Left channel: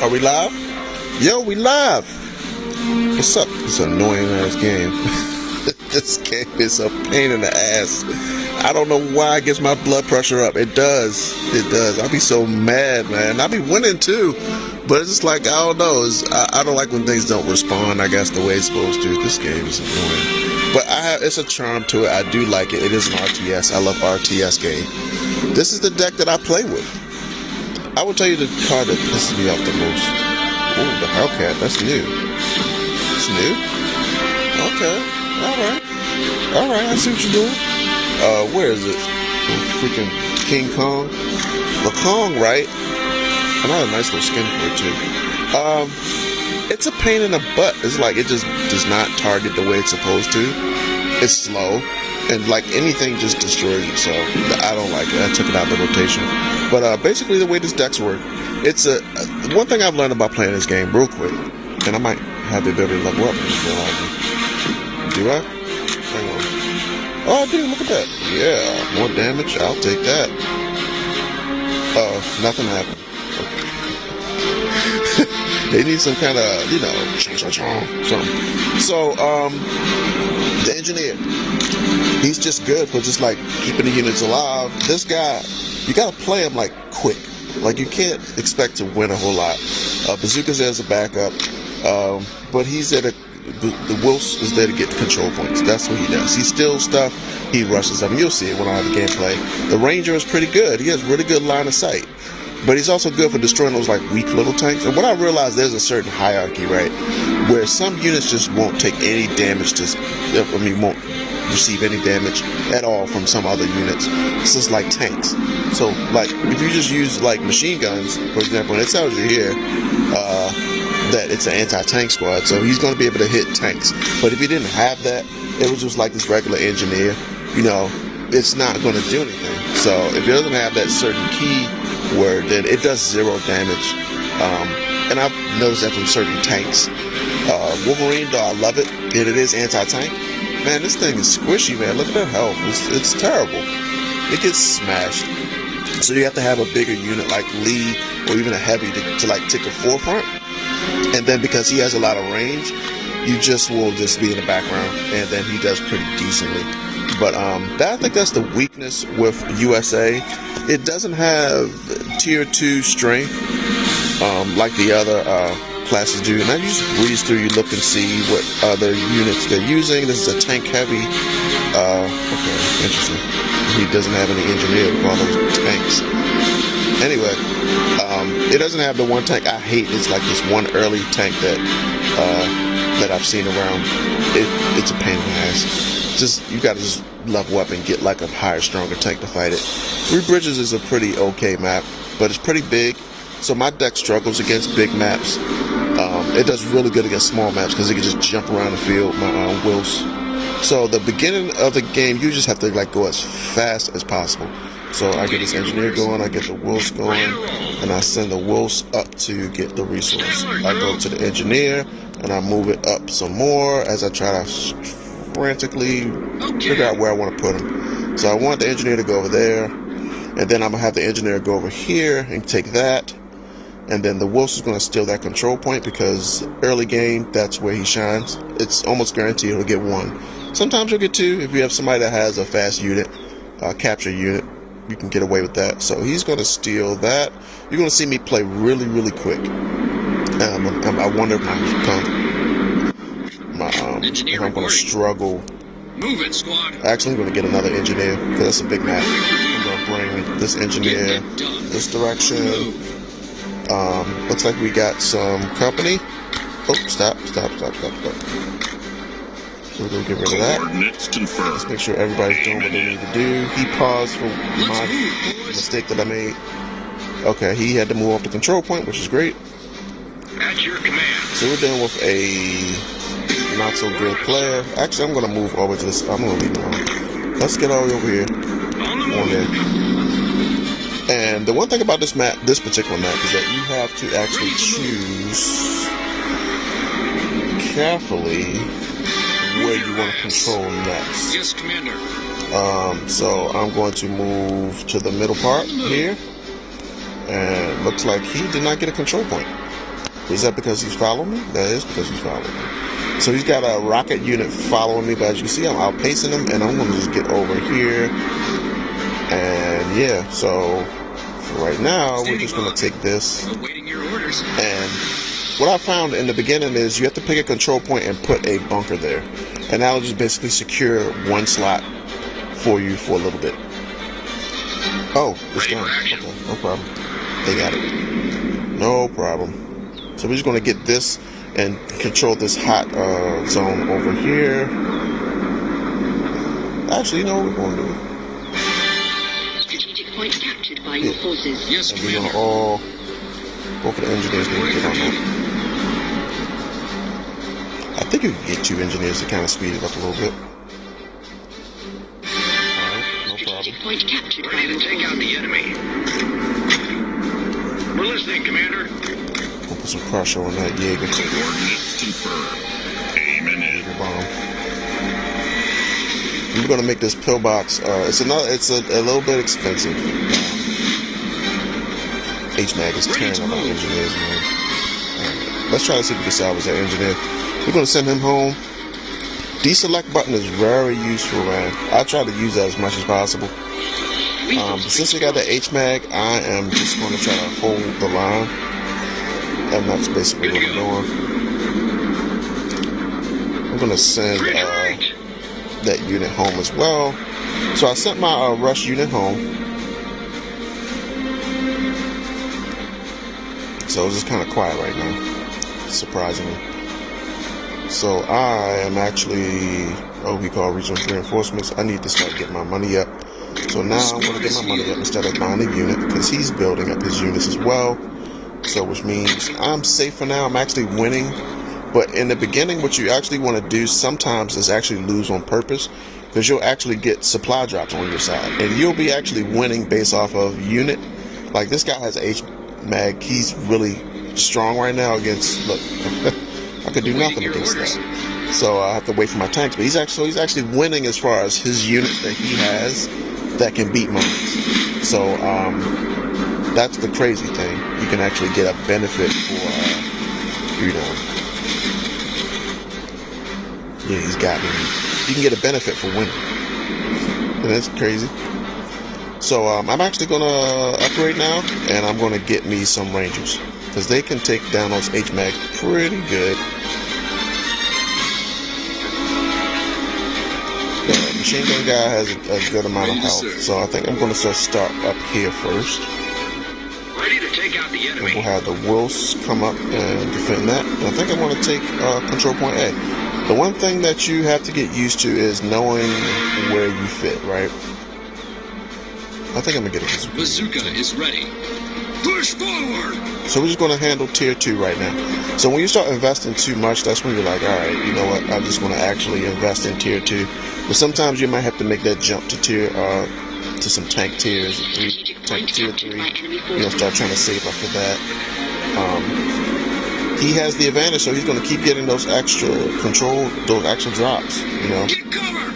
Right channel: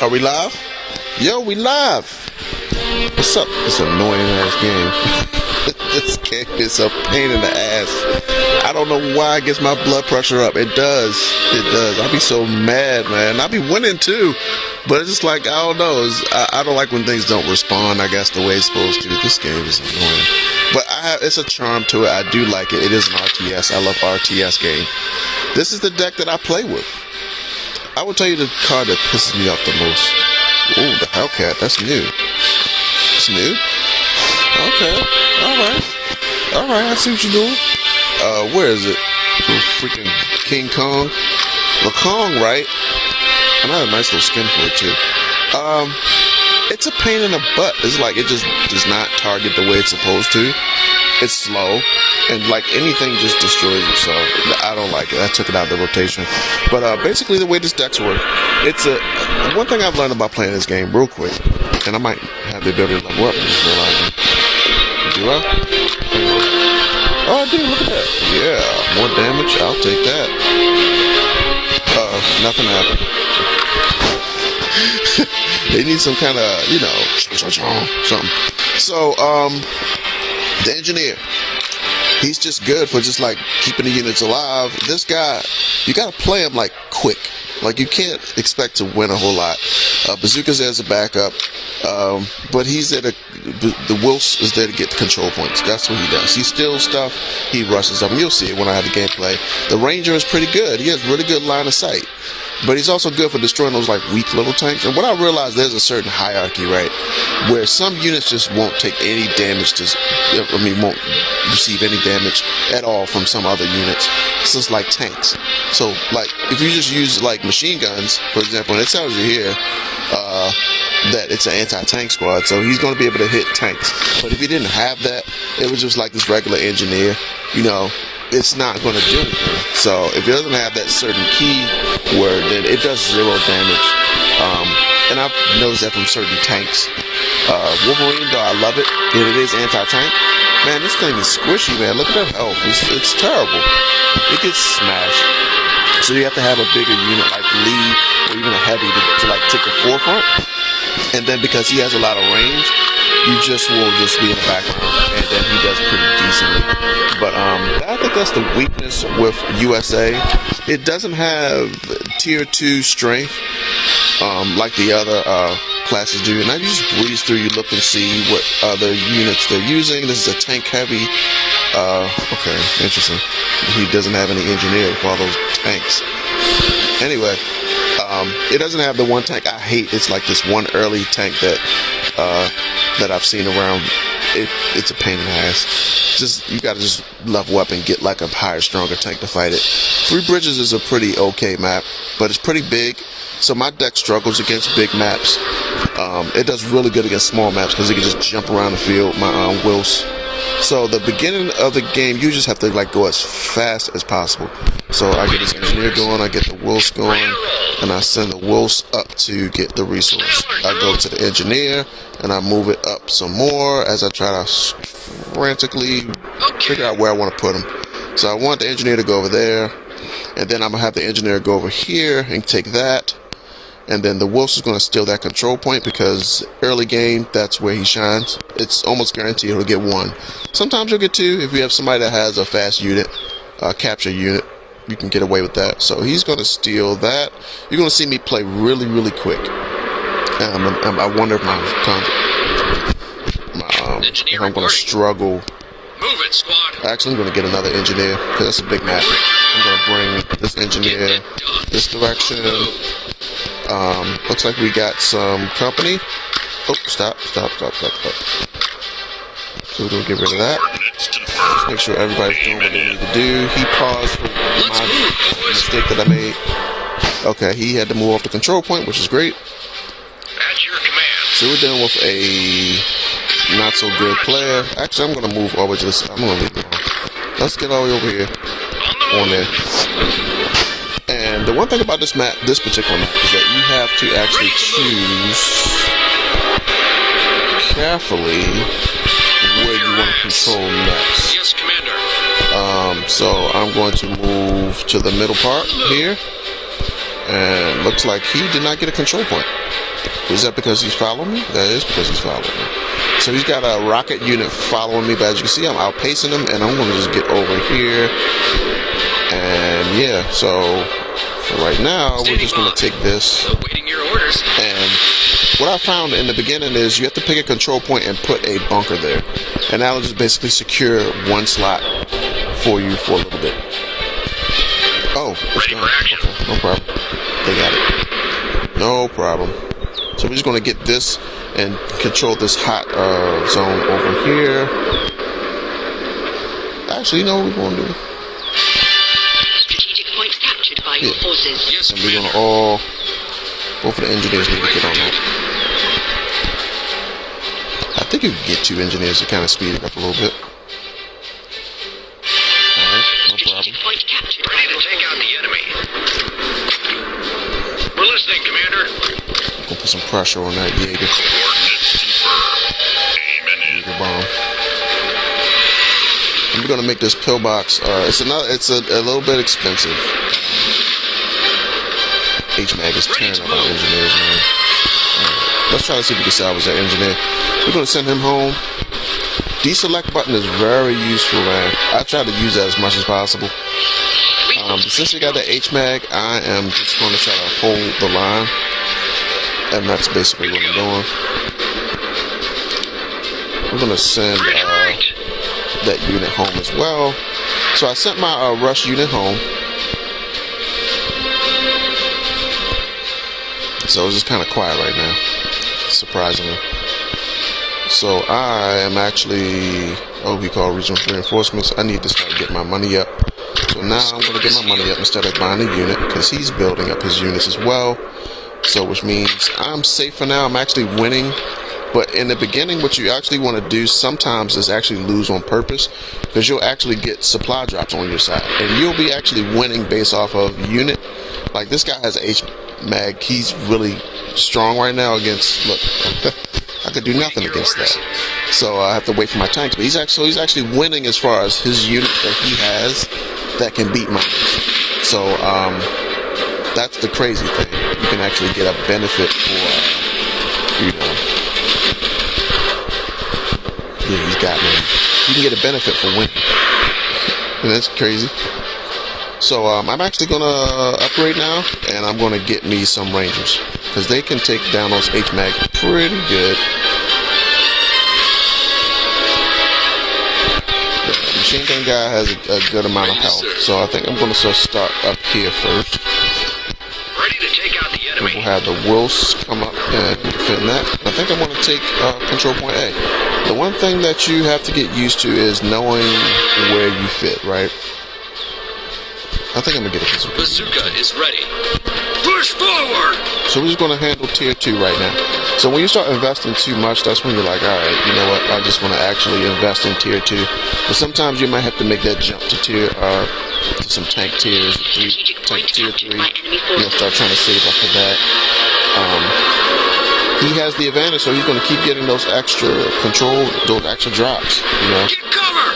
Are we live? Yo, we live. What's up? It's an annoying ass game. This game is a pain in the ass. I don't know why it gets my blood pressure up. It does. It does. I be so mad, man. I be winning too. But it's just like, I don't know. I don't like when things don't respond, I guess, the way it's supposed to. This game is annoying. But it's a charm to it. I do like it. It is an RTS. I love RTS game. This is the deck that I play with. I will tell you the card that pisses me off the most. Ooh, the Hellcat. That's new. It's new? Okay. Alright. I see what you're doing. Where is it? Freaking King Kong. The Kong, right? And I have a nice little skin for it, too. It's a pain in the butt. It's like it just does not target the way it's supposed to. It's slow. And like anything just destroys it, so I don't like it. I took it out of the rotation. But basically the way this deck's work, it's one thing I've learned about playing this game real quick, and I might have the ability to level up and just realize it. Do I? Hang on. Oh, I do, look at that. Yeah, more damage, I'll take that. Nothing happened. They need some kind of, something. So, the engineer. He's just good for just like keeping the units alive. This guy, you gotta play him like quick. Like you can't expect to win a whole lot. Bazooka's there as a backup, but he's there to. The Wilson is there to get the control points. That's what he does. He steals stuff. He rushes them. You'll see it when I have the gameplay. The Ranger is pretty good. He has really good line of sight. But he's also good for destroying those like weak little tanks. And what I realized, there's a certain hierarchy, right, where some units just won't take any damage won't receive any damage at all from some other units. It's just like tanks. So like if you just use like machine guns, for example, and it tells you here that it's an anti-tank squad, so he's going to be able to hit tanks. But if he didn't have that, it was just like this regular engineer, it's not going to do anything. So if it doesn't have that certain key word, then it does 0 damage. And I've noticed that from certain tanks. Wolverine, though, I love it. And it is anti-tank. Man, this thing is squishy, man. Look at that health. It's terrible. It gets smashed. So you have to have a bigger unit like Lee or even a heavy to like take the forefront. And then because he has a lot of range, you just will just be in the background, and then he does pretty decently. But I think that's the weakness with USA. It doesn't have tier 2 strength like the other classes do. And I just breeze through, you look and see what other units they're using. This is a tank heavy. Okay, interesting. He doesn't have any engineer with all those tanks. Anyway, it doesn't have the one tank I hate. It's like this one early tank that I've seen around. It's a pain in the ass. You gotta just level up and get like a higher, stronger tank to fight it. Three Bridges is a pretty okay map, but it's pretty big, so my deck struggles against big maps. It does really good against small maps because it can just jump around the field. My Wills. So the beginning of the game, you just have to like go as fast as possible. So I get this engineer going, I get the Wills going, and I send the Wills up to get the resource. I go to the engineer and I move it up some more as I try to frantically figure out where I want to put him. So I want the engineer to go over there, and then I'm gonna have the engineer go over here and take that, and then the Wilson is gonna steal that control point because early game, that's where he shines. It's almost guaranteed he'll get 1. Sometimes you'll get 2 if you have somebody that has a fast unit, capture unit. You can get away with that. So he's gonna steal that. You're gonna see me play really, really quick. I wonder if if I'm gonna struggle. Move it, squad. Actually, I'm gonna get another engineer because that's a big map. I'm gonna bring this engineer this direction. Looks like we got some company. Oh, stop. So we're gonna get rid of that. Just make sure everybody's doing what they need to do. He paused for my mistake that I made. Okay, he had to move off the control point, which is great. At your command. So we're dealing with a not so good player. Actually, I'm gonna move over to this. I'm gonna leave it on. Let's get all the way over here. On there. And the one thing about this particular map, is that you have to actually choose carefully where you want to control next. Yes, Commander. So I'm going to move to the middle part here, and looks like he did not get a control point. Is that because he's following me? That is because he's following me. So he's got a rocket unit following me, but as you can see, I'm outpacing him, and I'm going to just get over here. And yeah, so for right now, we're just going to take this. Awaiting your orders. And what I found in the beginning is you have to pick a control point and put a bunker there, and that'll just basically secure one slot for you for a little bit. Oh, it's Ready done. for action. Okay, no problem. They got it. No problem. So we're just going to get this and control this hot zone over here. Actually, you know what we're going to do? Strategic points captured by your forces. Yes, And we're going to Commander. all, both of the engineers need to get on that. I think you can get 2 engineers to kind of speed it up a little bit. Alright, no problem. Strategic point captured by Ready your to take out forces. the enemy. We're listening, Commander. We'll put some pressure on that Jaeger. Coordinates confirmed. Aiming in. Jaeger bomb. And we're gonna make this pillbox. It's a little bit expensive. HMAG is tearing up our engineers, man. Alright, let's try to see if we can salvage that engineer. We're gonna send him home. Deselect button is very useful, man. I try to use that as much as possible. But since we got the HMAG, I am just going to try to hold the line. And that's basically what I'm doing. We're going to send that unit home as well. So I sent my rush unit home. So it's just kind of quiet right now, surprisingly. So I am actually, we call regional reinforcements. I need to start getting my money up. So now I'm going to get my money up instead of buying a unit, because he's building up his units as well. So which means I'm safe for now. I'm actually winning. But in the beginning, what you actually want to do sometimes is actually lose on purpose, because you'll actually get supply drops on your side. And you'll be actually winning based off of unit. Like this guy has HMAG. He's really strong right now against, look, I could do nothing against that. So I have to wait for my tanks. But he's actually winning as far as his unit that he has that can beat mine. So that's the crazy thing. You can actually get a benefit for, yeah, he's got me. You can get a benefit for winning. And that's crazy. So I'm actually going to upgrade now, and I'm going to get me some Rangers, because they can take down those HMAG pretty good. The machine gun guy has a good amount of health, so I think I'm going to start up here first. Ready to take out the enemy. We'll have the Wolves come up and defend that. And I think I want to take control point A. The one thing that you have to get used to is knowing where you fit, right? I think I'm going to get a bazooka. Bazooka is ready. Push forward! So we're just going to handle tier 2 right now. So when you start investing too much, that's when you're like, alright, you know what, I just want to actually invest in tier 2. But sometimes you might have to make that jump to tier, to some tank tiers, tank tier 3. You know, start trying to save up for that. He has the advantage, so he's going to keep getting those extra control, those extra drops, you know. Get cover!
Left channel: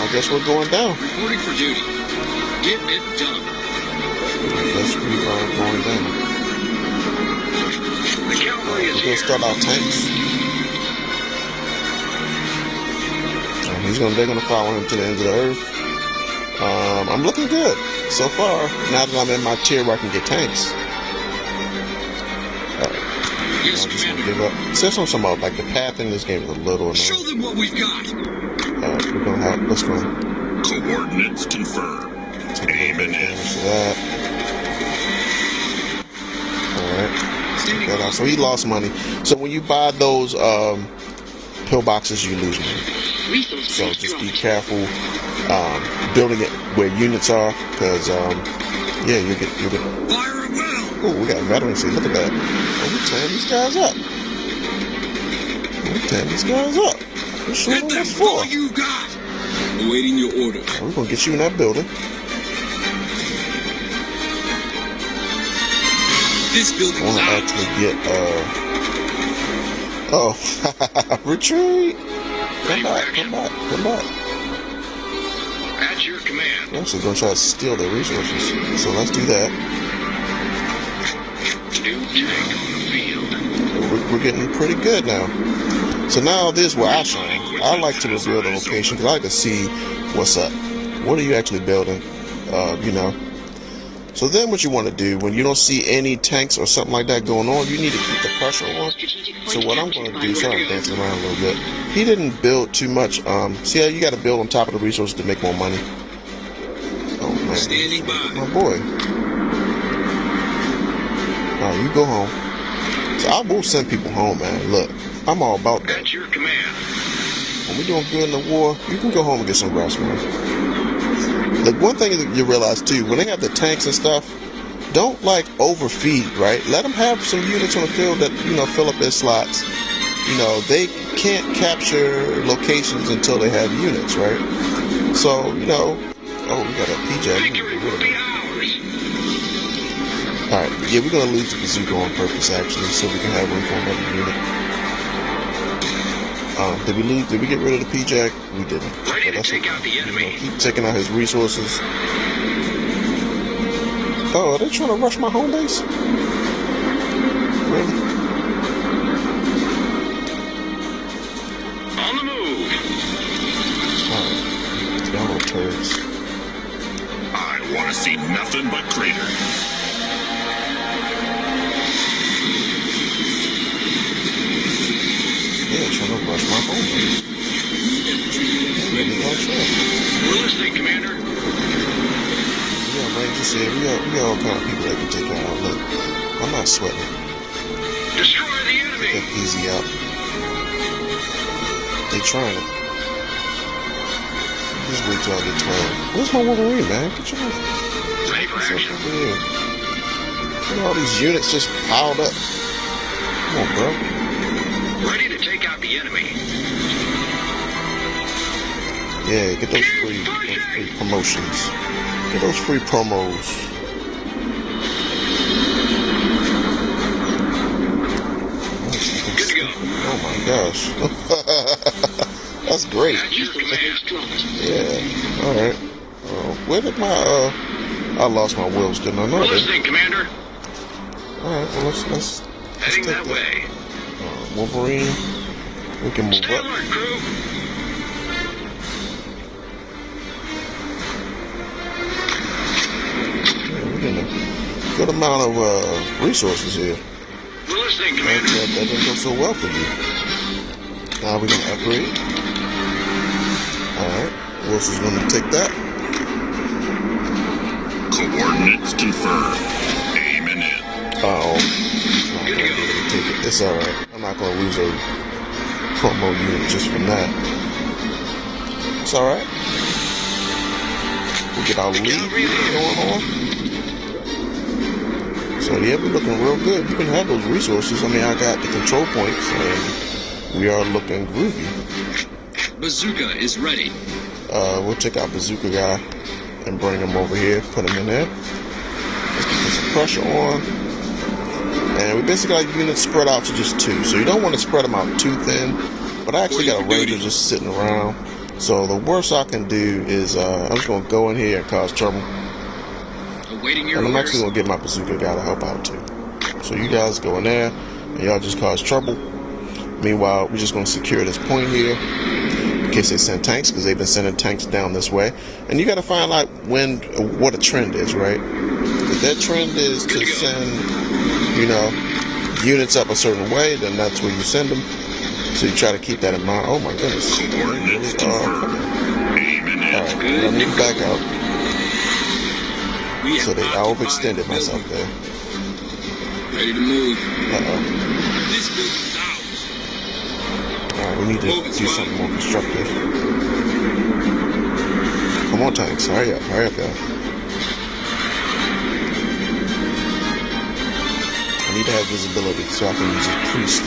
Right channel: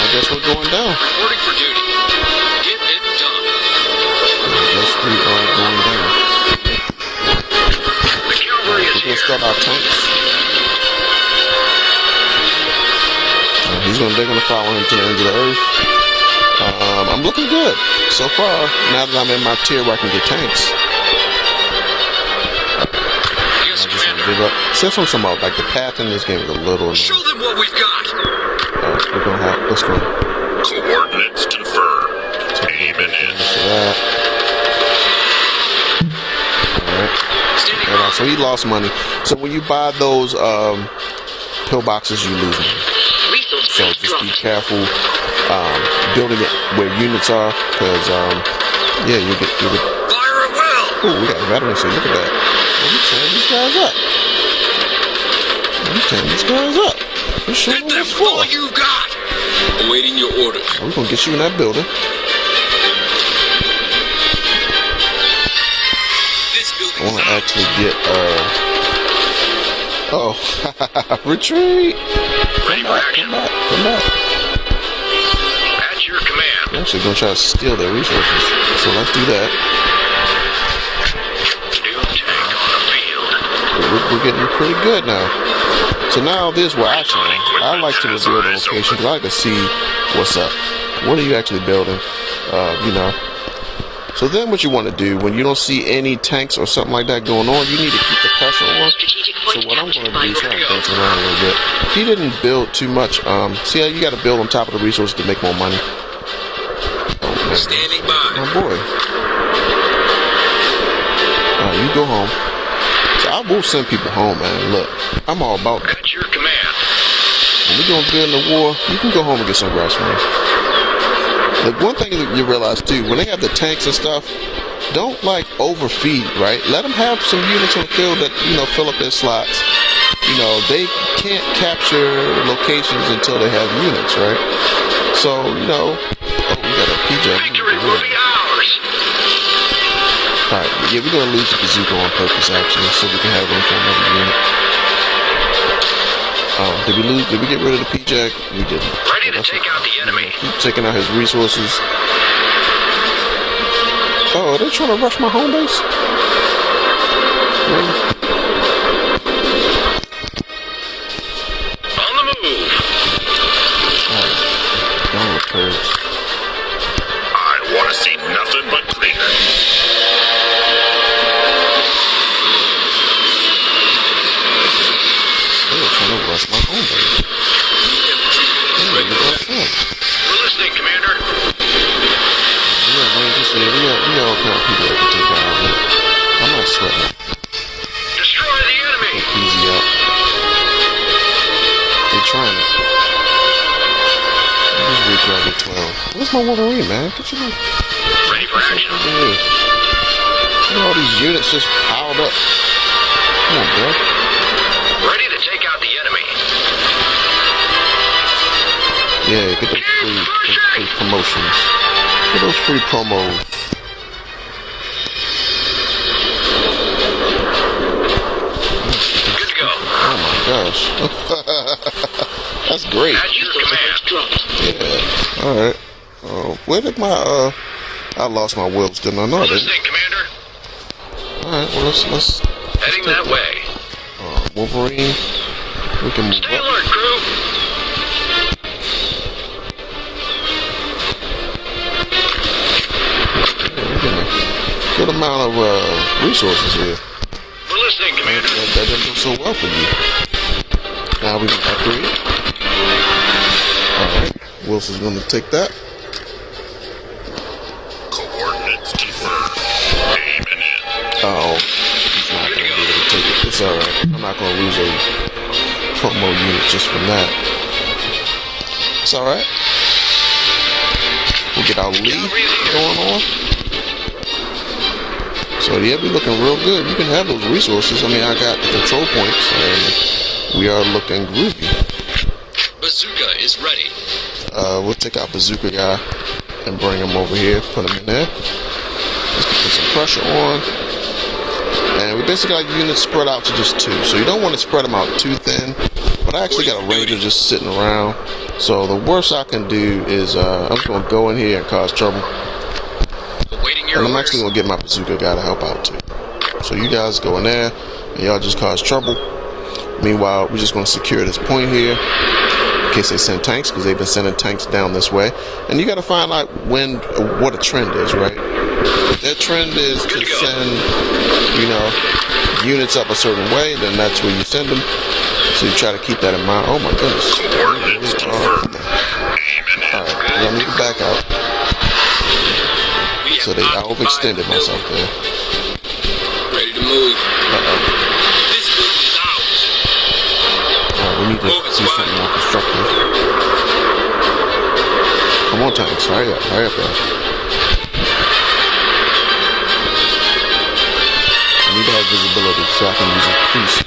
I guess we're going down. Reporting for duty. Get it done. I guess we are going down. The cavalry is We're going here. to start our tanks. They're going to follow him to the ends of the earth. I'm looking good so far. Now that I'm in my tier where I can get tanks. Yes, I'm just gonna Commander. give up. Says something about like the path in this game is a little Show annoying. them what we've got. We're gonna have. Let's go. Coordinates confirmed. Aiming in. So that. All right. Standing That out. So he lost money. So when you buy those pillboxes, you lose money. Resource So base just be dropped. careful building it where units are, because yeah, you get. Fire at will. Oh, we got veterans here. Look at that. Oh, we tearing these guys up. We tearing these guys up. We're showing Hit them them what's with all for. you've got. Awaiting your orders. We're gonna get you in that building. This I building want is to out. actually get oh, retreat. Ready Come for back, action. come back, come back. At We're actually gonna try to steal their resources. So let's do that. New tank on the field. We're getting pretty good now. So now this is where I shine. I like to reveal the location because I like to see what's up. What are you actually building? You know. So then what you want to do when you don't see any tanks or something like that going on, you need to keep the pressure on. So what I'm going to do, sorry I'm dancing around a little bit. He didn't build too much. See how you got to build on top of the resources to make more money. Oh man, Standing by. my boy. You go home. So I will send people home, man. Look, I'm all about that. At your command. When we're doing good in the war, you can go home and get some rest, man. The one thing that you realize too, when they have the tanks and stuff, don't like overfeed, right? Let them have some units on the field that, you know, fill up their slots. You know, they can't capture locations until they have units, right? So, you know, oh, we got a PJ. Victory will be ours. Alright, yeah, we're gonna lose the bazooka on purpose actually, so we can have room for another unit. Did we get rid of the PJ? We didn't. Ready to take out the enemy. Keep taking out his resources. Oh, are they trying to rush my home base? Really? On the move. Alright. Y'all little turds. I want to see nothing but craters. They're trying to rush my home base. We're listening, Commander. We got Rangers here. We got all kind of people that can take out. Look, I'm not sweating. Destroy the enemy. Get easy out. They're trying it. Just wait till I get 12. Where's my Wolverine, man? Get your Ready for action. Look at all these units just piled up. Come on, bro. Ready to take out the enemy. Yeah, get those free promotions. Get those free promos. Good to go. Oh my gosh. That's great. At your command. Yeah. Alright. Where did my I lost my wheels, didn't I? No, I We're didn't. listening, Commander. Alright, well let's Heading take that way. Wolverine. We can move Stay up. alert, crew. We're getting a good amount of resources here. We're listening, Commander. That didn't go so well for you. Now we're gonna upgrade. Alright. Wilson's gonna take that. Coordinates confirmed. Aiming in. Oh, he's not gonna be able to take it. It's alright. I'm not gonna lose a promo unit just from that. It's alright. We'll get our lead going on. So yeah, we're looking real good. You can have those resources. I mean, I got the control points, and we are looking groovy. Bazooka is ready. We'll take our bazooka guy and bring him over here. Put him in there. Let's put some pressure on. And we basically got units spread out to just 2. So you don't want to spread them out too thin. But I actually got a ranger just sitting around. So the worst I can do is I'm just going to go in here and cause trouble. Awaiting your And I'm orders. actually going to get my bazooka guy to help out too. So you guys go in there and y'all just cause trouble. Meanwhile, we're just going to secure this point here in case they send tanks, because they've been sending tanks down this way. And you got to find out what a trend is, right? If their trend is to send, you know, units up a certain way, then that's where you send them. So you try to keep that in mind. Oh my goodness. Coordinates confirmed. Aiming in. Alright, I need to back out. We have So I occupied overextended the myself building. there. Ready to move. Uh-oh. This building's out. Alright, we need to do something more constructive. Come on, tanks. Hurry up, y'all. I need to have visibility so I can use a priest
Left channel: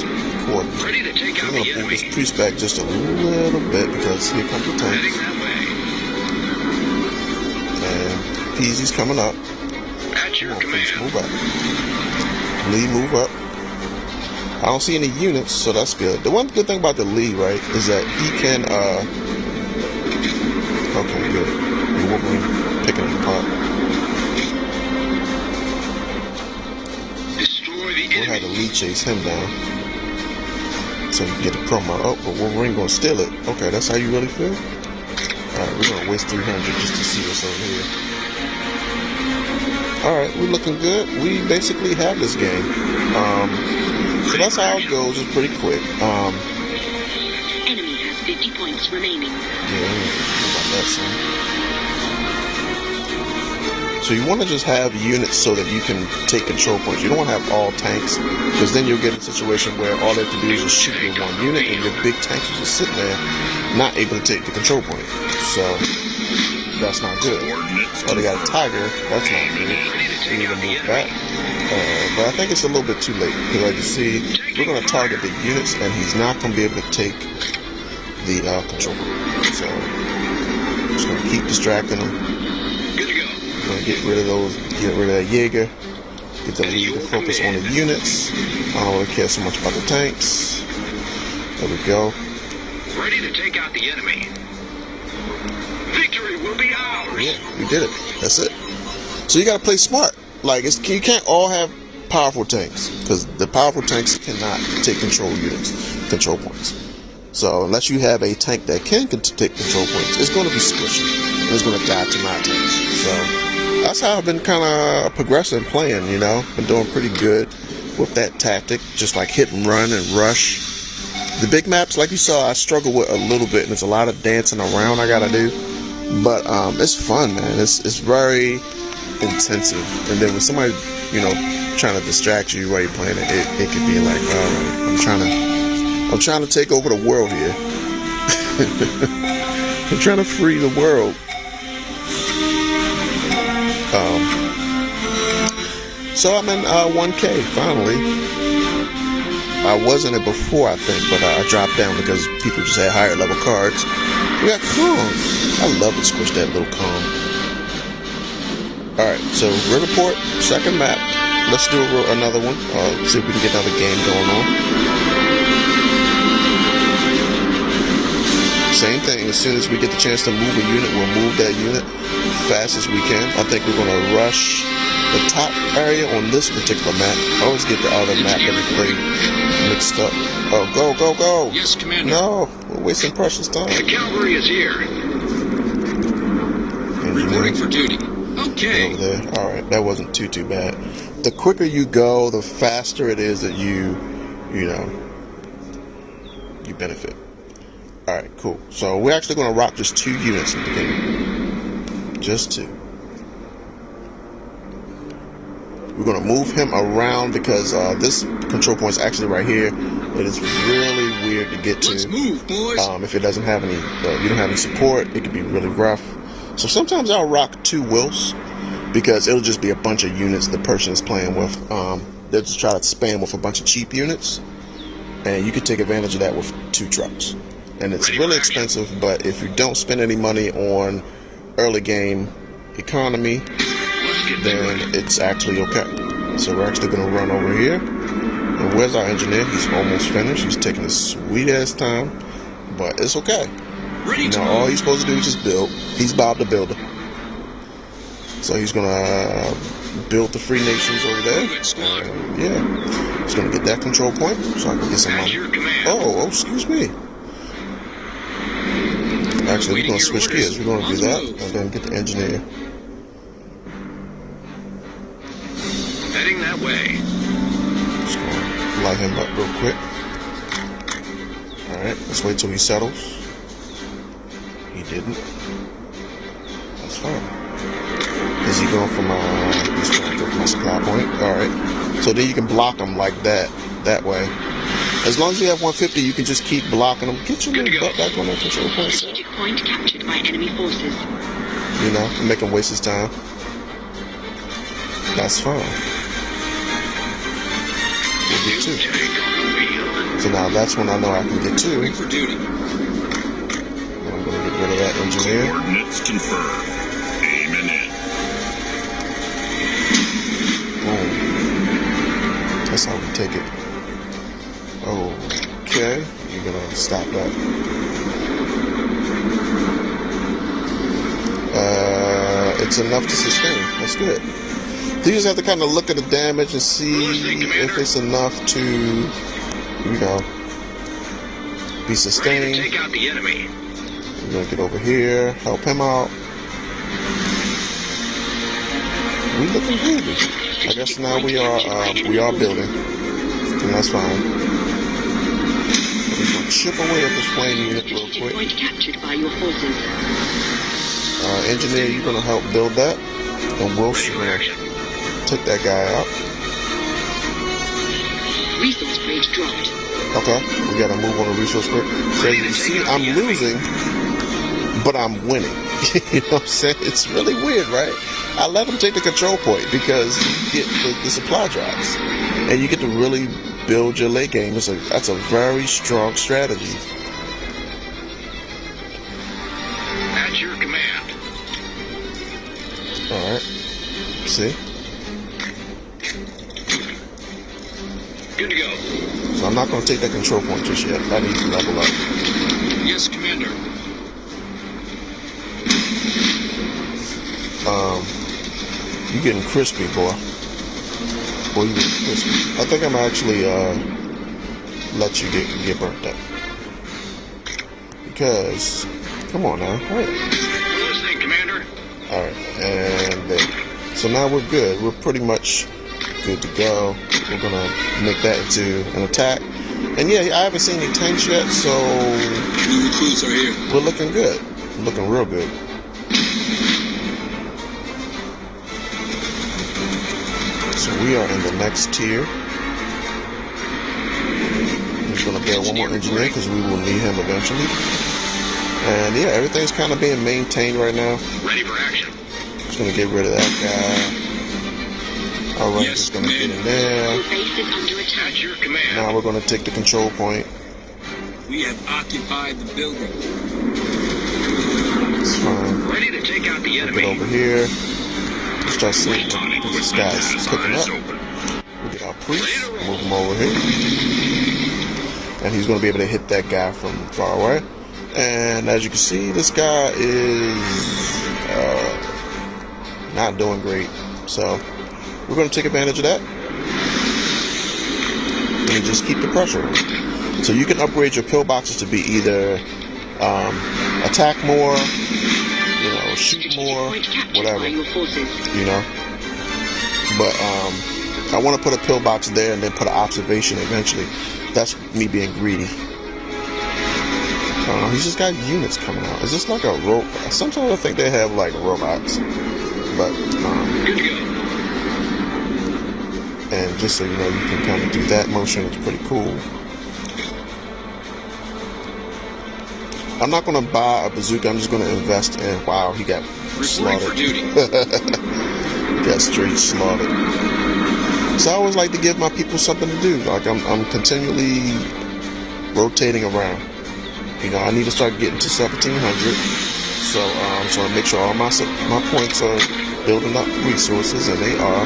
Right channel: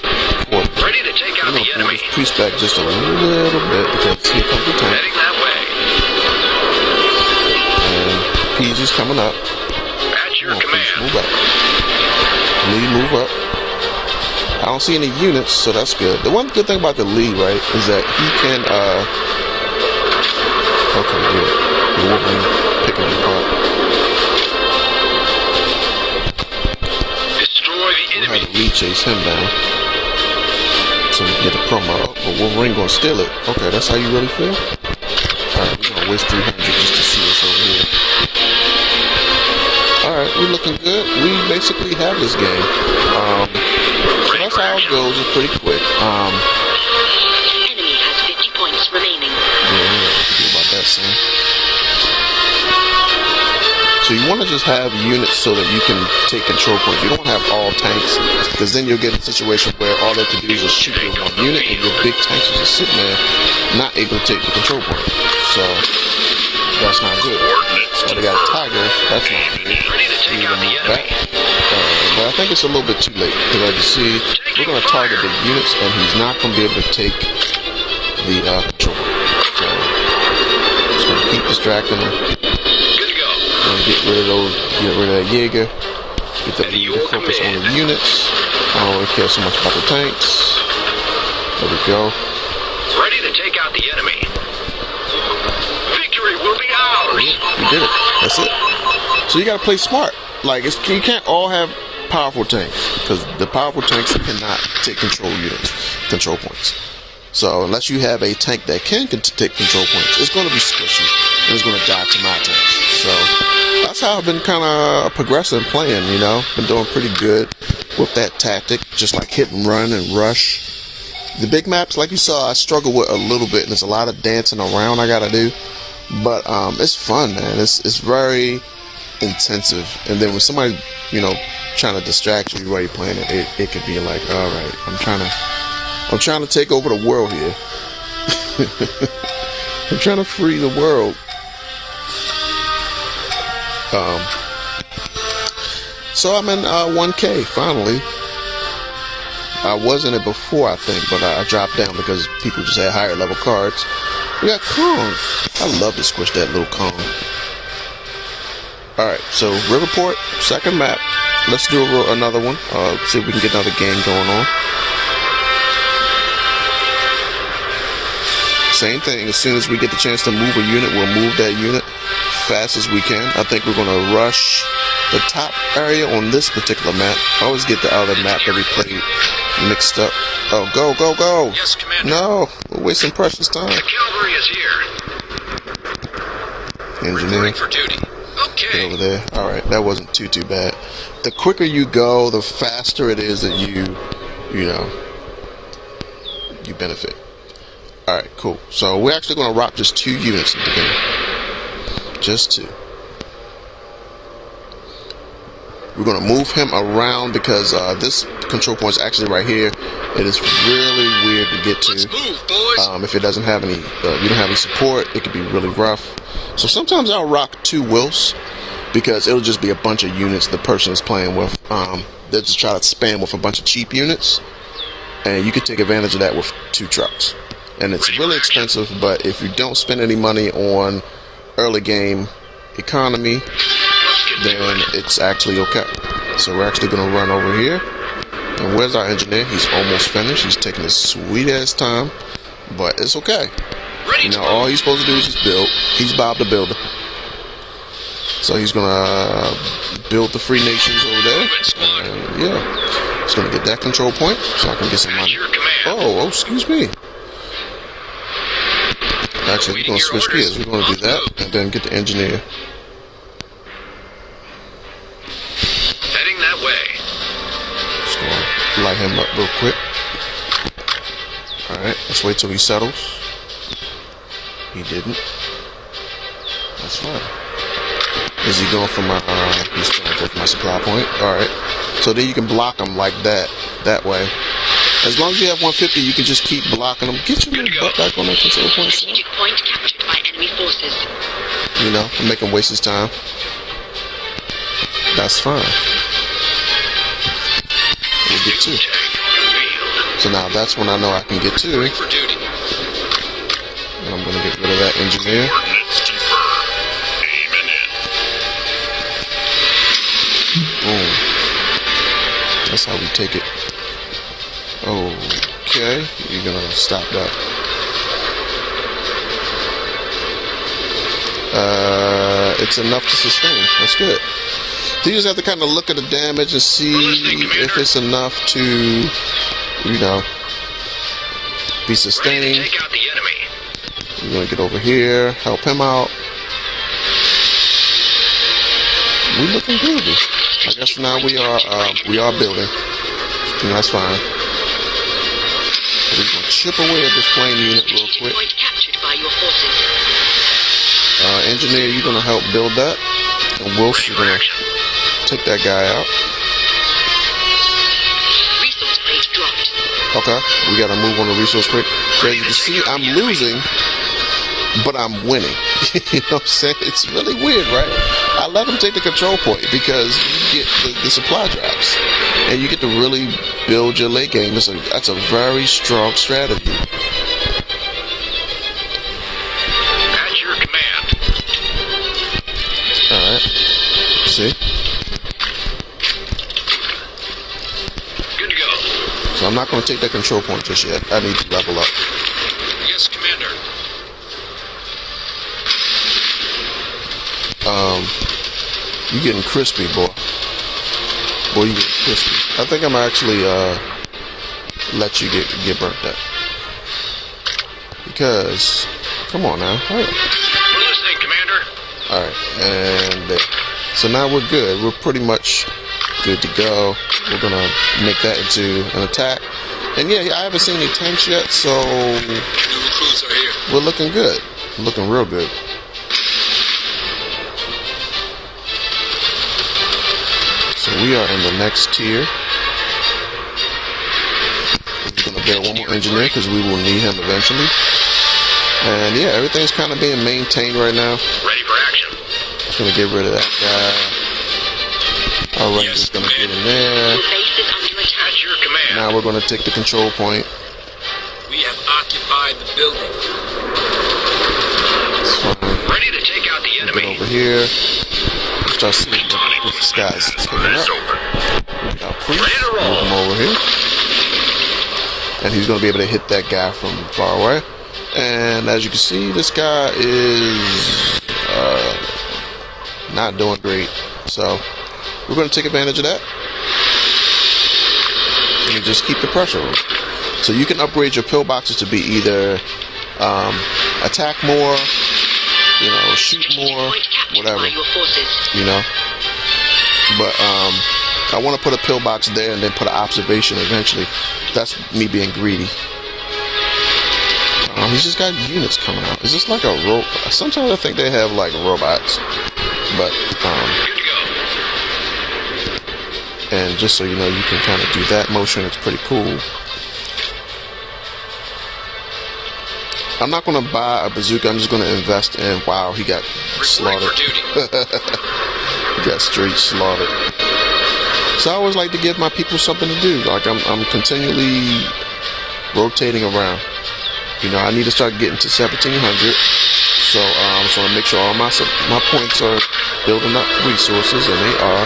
coordinate. Ready to take I'm out gonna the pull enemy. this priest back just a little bit because here comes the tank. Heading that way. And Peasy's coming up. At your Come on, command. Peasy, move up. Lee, move up. I don't see any units, so that's good. The one good thing about the Lee, right, is that he can, okay, good. You're Wolverine. lead chase him down. So we can get a promo. Oh, but Wolverine gonna steal it. Okay, that's how you really feel? Alright, we're gonna waste 300 just to see what's over here. Alright, we're looking good. We basically have this game. So that's how it goes. It's pretty quick. Enemy has 50 points remaining. Yeah, see about that soon. So you want to just have units so that you can take control points. You don't want to have all tanks, because then you'll get in a situation where all they can do is just shoot your one unit, and your big tanks are just sitting there, not able to take the control point. So that's not good. Oh, they got a tiger. That's not good. We need to move back. But I think it's a little bit too late, because like you see, we're going to target the units, and he's not going to be able to take the control point. So just going to keep distracting him. Get rid of those, get rid of that Jaeger, get the lead to focus on the units. I don't really care so much about the tanks. There we go. Ready to take out the enemy. Victory will be ours. Yeah, we did it. That's it. So you gotta play smart. Like, you can't all have powerful tanks, because the powerful tanks cannot take control control points. So unless you have a tank that can take control points, it's going to be squishy, and it's going to die to my tanks. So that's how I've been kind of progressing playing, you know. Been doing pretty good with that tactic, just like hit and run and rush. The big maps, like you saw, I struggle with a little bit, and there's a lot of dancing around I gotta do. But it's fun, man. It's very intensive. And then when somebody, you know, trying to distract you while you're playing it, it could be like, all right, I'm trying to take over the world here. I'm trying to free the world. So I'm in 1K finally. I was in it before, I think, but I dropped down because people just had higher level cards. We got Kong. I love to squish that little Kong. Alright, so Riverport, second map. Let's do another one. See if we can get another game going on. Same thing. As soon as we get the chance to move a unit, we'll move that unit fast as we can. I think we're going to rush the top area on this particular map. I always get the other map that we played mixed up. Oh, go, go, go! Yes, Commander. No, we're wasting precious time. The cavalry is here. Reporting for duty. Okay. Over there. All right, that wasn't too bad. The quicker you go, the faster it is that you benefit. All right, cool. So we're actually going to rock just 2 units at the beginning. Just 2. We're going to move him around because this control point is actually right here. It is really weird to get to. Let's move, boys. If it doesn't have any, you don't have any support, it could be really rough. So sometimes I'll rock 2 wills because it'll just be a bunch of units the person is playing with. They'll just try to spam with a bunch of cheap units, and you can take advantage of that with 2 trucks. And it's really expensive, but if you don't spend any money on early game economy, then it's actually okay. So we're actually going to run over here. And where's our engineer? He's almost finished. He's taking his sweet ass time, but it's okay. Ready to all move. he's supposed to do is just build. He's Bob the Builder. So he's going to build the free nations over there. And yeah, he's going to get that control point so I can get some money. Oh, excuse me. Actually, we're going to switch gears. We're going to do that and then get the engineer. Heading that way. Just going to light him up real quick. Alright, let's wait till he settles. He didn't. That's fine. Is he going for my, he's trying to go for my supply point. Alright. So then you can block him like that way. As long as you have 150, you can just keep blocking them. Get your little butt back on that control point. Strategic point captured by enemy forces. You know, make him waste his time. That's fine. We'll get 2. So now that's when I know I can get 2. Reporting for duty. And I'm going to get rid of that engineer. Coordinates confirmed. Aiming in. Boom. That's how we take it. Okay, you're gonna stop that. It's enough to sustain. That's good. So you just have to kind of look at the damage and see if it's enough to, you know, be Ready to sustained. take out the enemy. We're gonna get over here, help him out. We looking groovy. I guess now we are building. And that's fine. We're gonna chip away at this flame unit real Strategic quick. point captured by your forces. Engineer, you're gonna help build that, and we're Ready for gonna action. take that guy out. Resource plate dropped. Okay, we gotta move on the resource quick. So as you can see, I'm losing, but I'm winning. You know what I'm saying? It's really weird, right? I let him take the control point because you get the supply drops, and you get to really build your late game. That's a very strong strategy. At your command. All right, see? Good to go. So I'm not gonna take that control point just yet. I need to level up. Yes, Commander. You getting crispy, boy. Boy, you getting crispy. I think I'm actually let you get burnt up. Because, come on now. All right. We're listening, Commander. All right, and there. So now we're good. We're pretty much good to go. We're gonna make that into an attack. And yeah, I haven't seen any tanks yet, so New recruits are here. we're looking good. Looking real good. So we are in the next tier. We're gonna build one more engineer because we will need him eventually. And yeah, everything's kind of being maintained right now. Ready for action. Just gonna get rid of that guy. Our range is gonna get in there. Your base is under attack. At your command. Now we're gonna take the control point. We have occupied the building. It's fine. Ready to take out the Get enemy. over here. Start seeing Platonic what this equipment guy's has cooking eyes up. open. We got Priest. Ready to roll. Move him over here. And he's gonna be able to hit that guy from far away. And as you can see, this guy is not doing great. So we're gonna take advantage of that. And just keep the pressure on. So you can upgrade your pillboxes to be either attack more, you know, shoot Strategic more, point captured whatever, by your forces. you know. But I want to put a pillbox there and then put an observation eventually. That's me being greedy. He's just got units coming out. Is this like a robot? Sometimes I think they have like robots, but Good to go. and just so you know, you can kind of do that motion. It's pretty cool. I'm not going to buy a bazooka. I'm just going to invest in. Wow, he got Reporting slaughtered. for duty. He got straight slaughtered. So I always like to give my people something to do. Like I'm continually rotating around. You know, I need to start getting to 1700. So I make sure all my points are building up resources, and they are.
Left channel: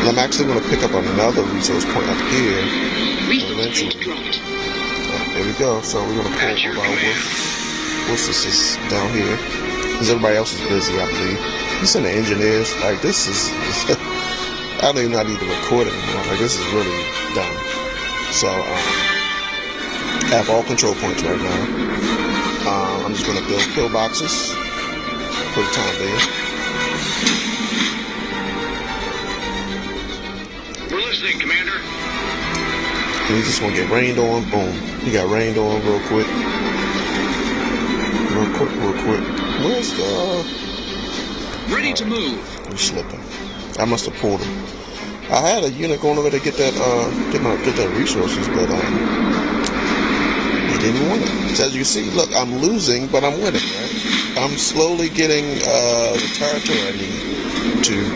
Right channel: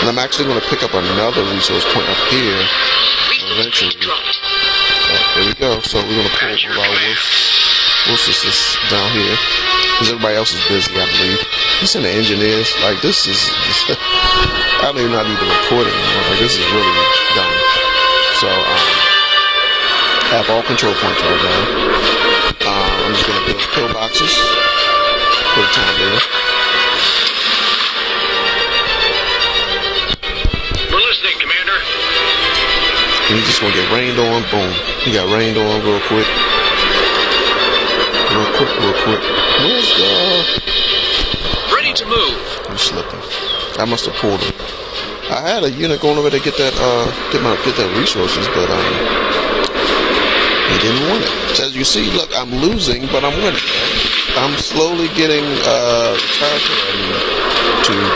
And I'm actually going to pick up another resource point up here Resource eventually. plate dropped. There we go. So we're going to pull over our wolves down here because everybody else is busy, I believe. You send the engineers. Like, this is I don't even know I need to record it anymore. Like, this is really dumb. So I have all control points right now. I'm just going to build pillboxes for the time being. We're listening, Commander. And he's just going to get rained on. Boom. He got rained on real quick. Real quick. Where's the... Ready to move. He's slipping. I must have pulled him. I had a unit going over to get that get that resources, but he didn't want it. So as you see, look, I'm losing, but I'm winning. Right? I'm slowly getting the territory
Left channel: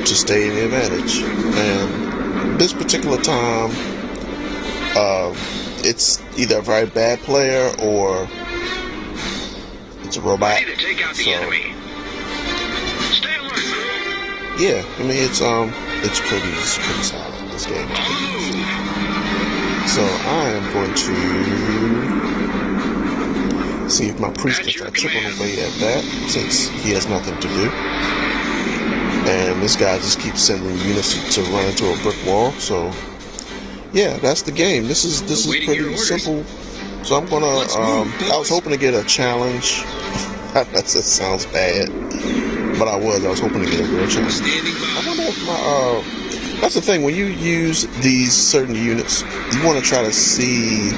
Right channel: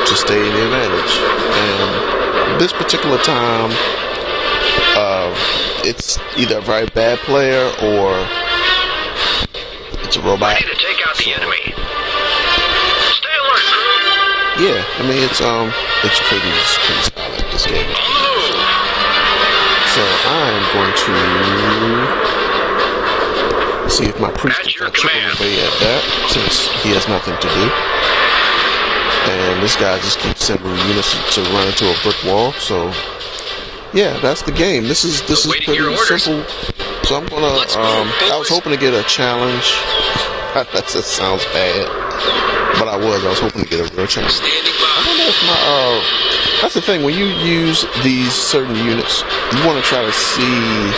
to stay in the advantage. And this particular time, it's either a very bad player or it's a robot. Ready to take out the enemy. Stay alert, crew. Yeah, I mean it's pretty solid, this game. On the move. So I'm going to see if my priest can start chipping away at that, since he has nothing to do. and this guy just keeps sending units to run into a brick wall. So yeah, that's the game. This is pretty simple. So I'm gonna. I was hoping to get a challenge. That just sounds bad, but I was hoping to get a real challenge. I wonder if my that's the thing, when you use these certain units, you want to try to see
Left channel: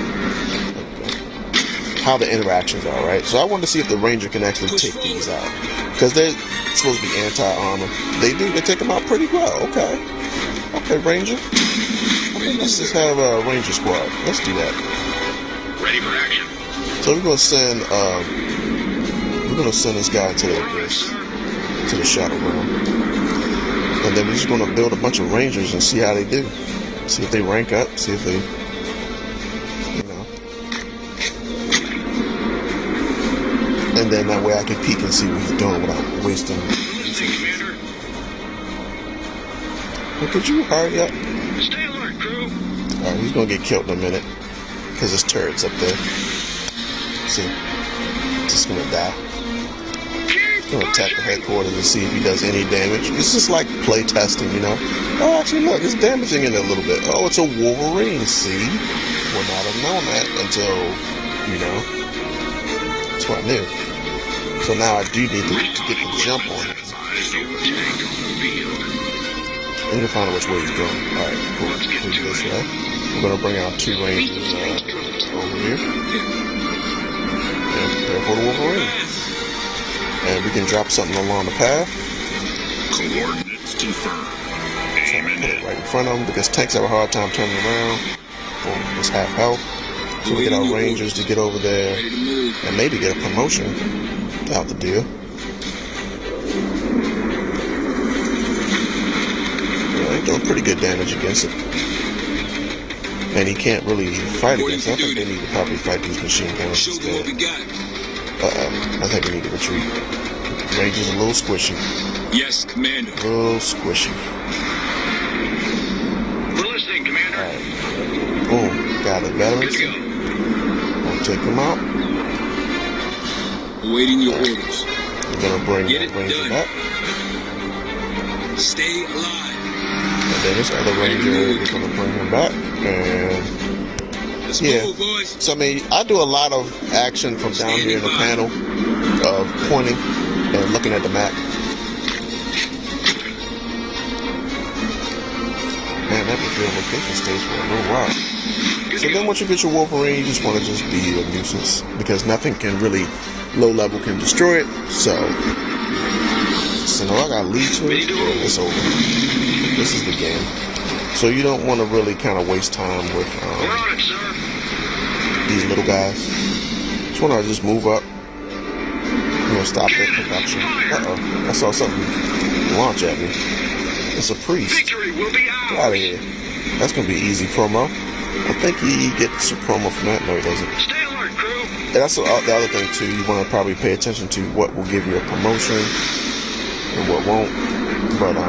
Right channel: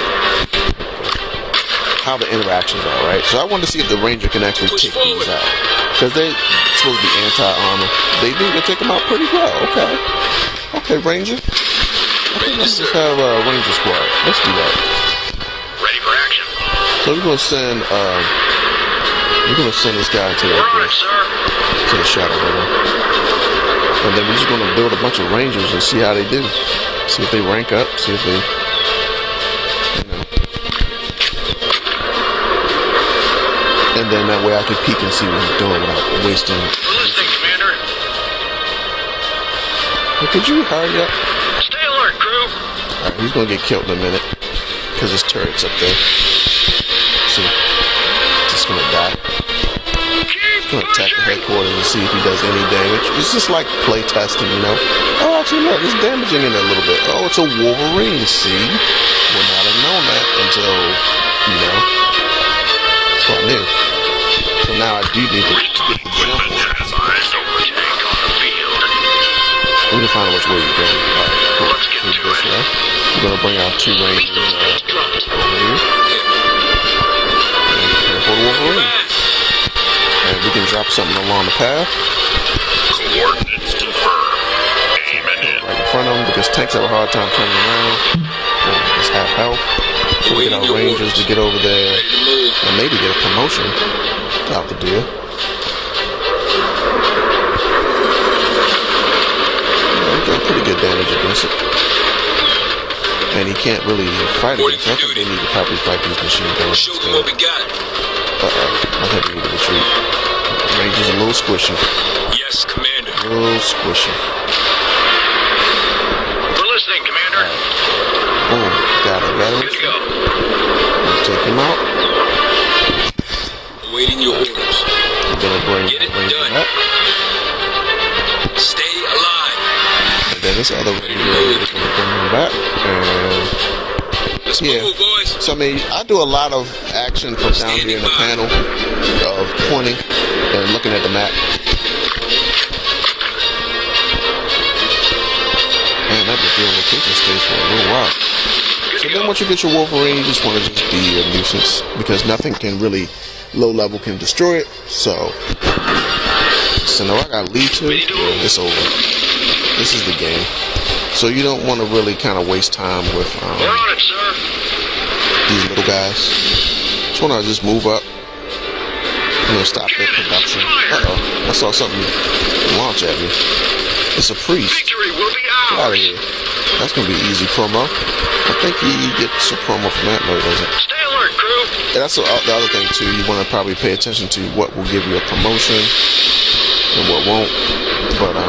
how the interactions are, right? So I wanted to see if the Ranger can actually take these out, because they're supposed to be anti-armor. They do. They take them out pretty well. Okay, Ranger. I think let's just have a Ranger squad. Let's do that. Ready for action. So we're gonna send this guy to the shadow room, and then we're just gonna build a bunch of Rangers and see how they do. See if they rank up. See if they, and then that way I can peek and see what he's doing without wasting. Listening, Commander. Well, could you hurry up? Stay alert, crew. Alright, he's gonna get killed in a minute because his turret's up there. See, just gonna die. He's gonna attack the headquarters and see if he does any damage. It's just like play testing, you know. Oh, actually, look, it's damaging it a little bit. Oh, it's a Wolverine. See, would not have known that until, you know. That's what I knew. So now I do need to get the jump on it. We can find out which way he's going. Alright, cool. Let's get to this it. way. We're gonna bring out 2 Rangers over here. And prepare for the Wolverine. And we can drop something along the path. Coordinates confirmed. Aiming in. Right in front of them, because tanks have a hard time turning around. Boom, it's half health. So we get our Rangers to get over there and maybe get a promotion out the deal. Yeah, he's doing pretty good damage against it. And he can't really fight against it. I think they need to probably fight these machine guns instead. I think we need to retreat. Ranger's a little squishy. Yes, Commander. A little squishy. We're listening, Commander. Alright. Boom. Got it. Veterans. Good to go. We'll take him out. Awaiting your orders. I'm gonna bring Get that it Ranger done. back. Stay alive. And then this other Ranger, we're gonna bring him back. And Let's yeah. move, boys. So I mean, I do a lot of action from down here in the panel of pointing and looking at the map. Man, that battlefield location stays for a little while. So then once you get your Wolverine, you just want to just be a nuisance, because nothing can really, low level can destroy it. So now I got lead to it, it's over. This is the game. So you don't want to really kind of waste time with We're on it, sir. these little guys. Just want to just move up. You know, stop their production. Uh-oh. I saw something launch at me. It's a priest. Victory will be Get out ours. of here. That's going to be easy promo. I think he gets a promo from that. No, he doesn't. Stay alert, crew. And that's the other thing, too. You want to probably pay attention to what will give you a promotion and what won't. But I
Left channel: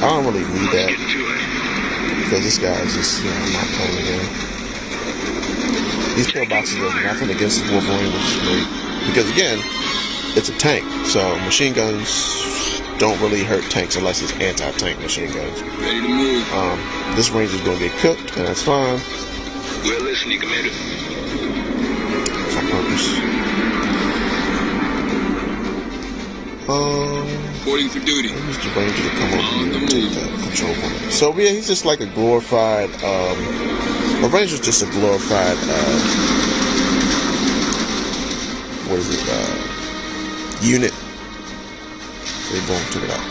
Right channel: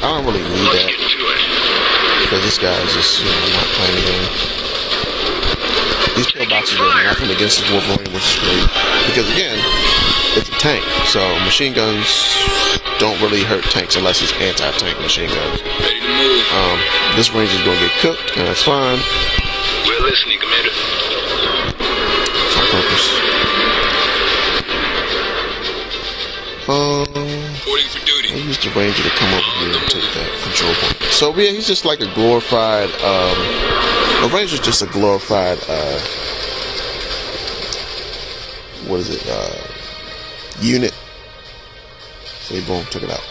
don't really need Let's that, get to it. because this guy is just, you know, not playing the game. These pillboxes are nothing against the Wolverine, which is great. Because again, it's a tank. So machine guns don't really hurt tanks unless it's anti-tank machine guns. Ready to move. This Ranger's gonna get cooked, and that's fine. We're listening, Commander. On purpose. Reporting for duty. I used the Ranger to come over here and take that control point. So yeah, he's just like a glorified, a Ranger's just a glorified, what is it, unit. So boom, took it out.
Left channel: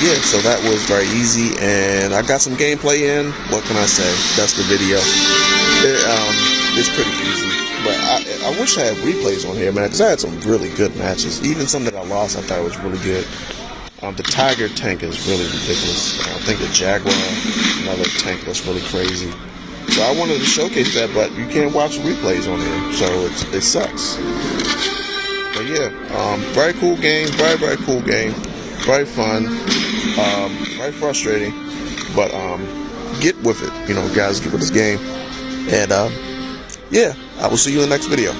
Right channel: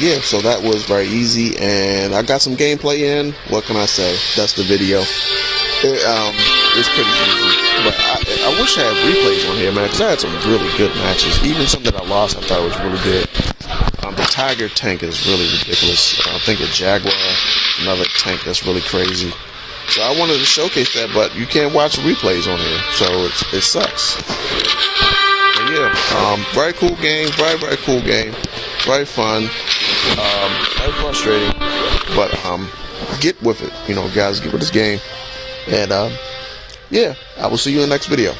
Yeah, so that was very easy, and I got some gameplay in. What can I say? That's the video. It's pretty easy, but I wish I had replays on here, man, because I had some really good matches. Even some that I lost, I thought was really good. The Tiger tank is really ridiculous. I think a Jaguar, another tank that's really crazy. So I wanted to showcase that, but you can't watch replays on here, so it sucks. But yeah, very cool game, very cool game, very fun, very frustrating, but get with it, you know, guys, get with this game. And yeah, I will see you in the next video.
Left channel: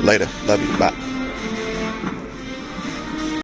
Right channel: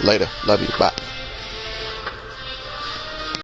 Later, love you, bye.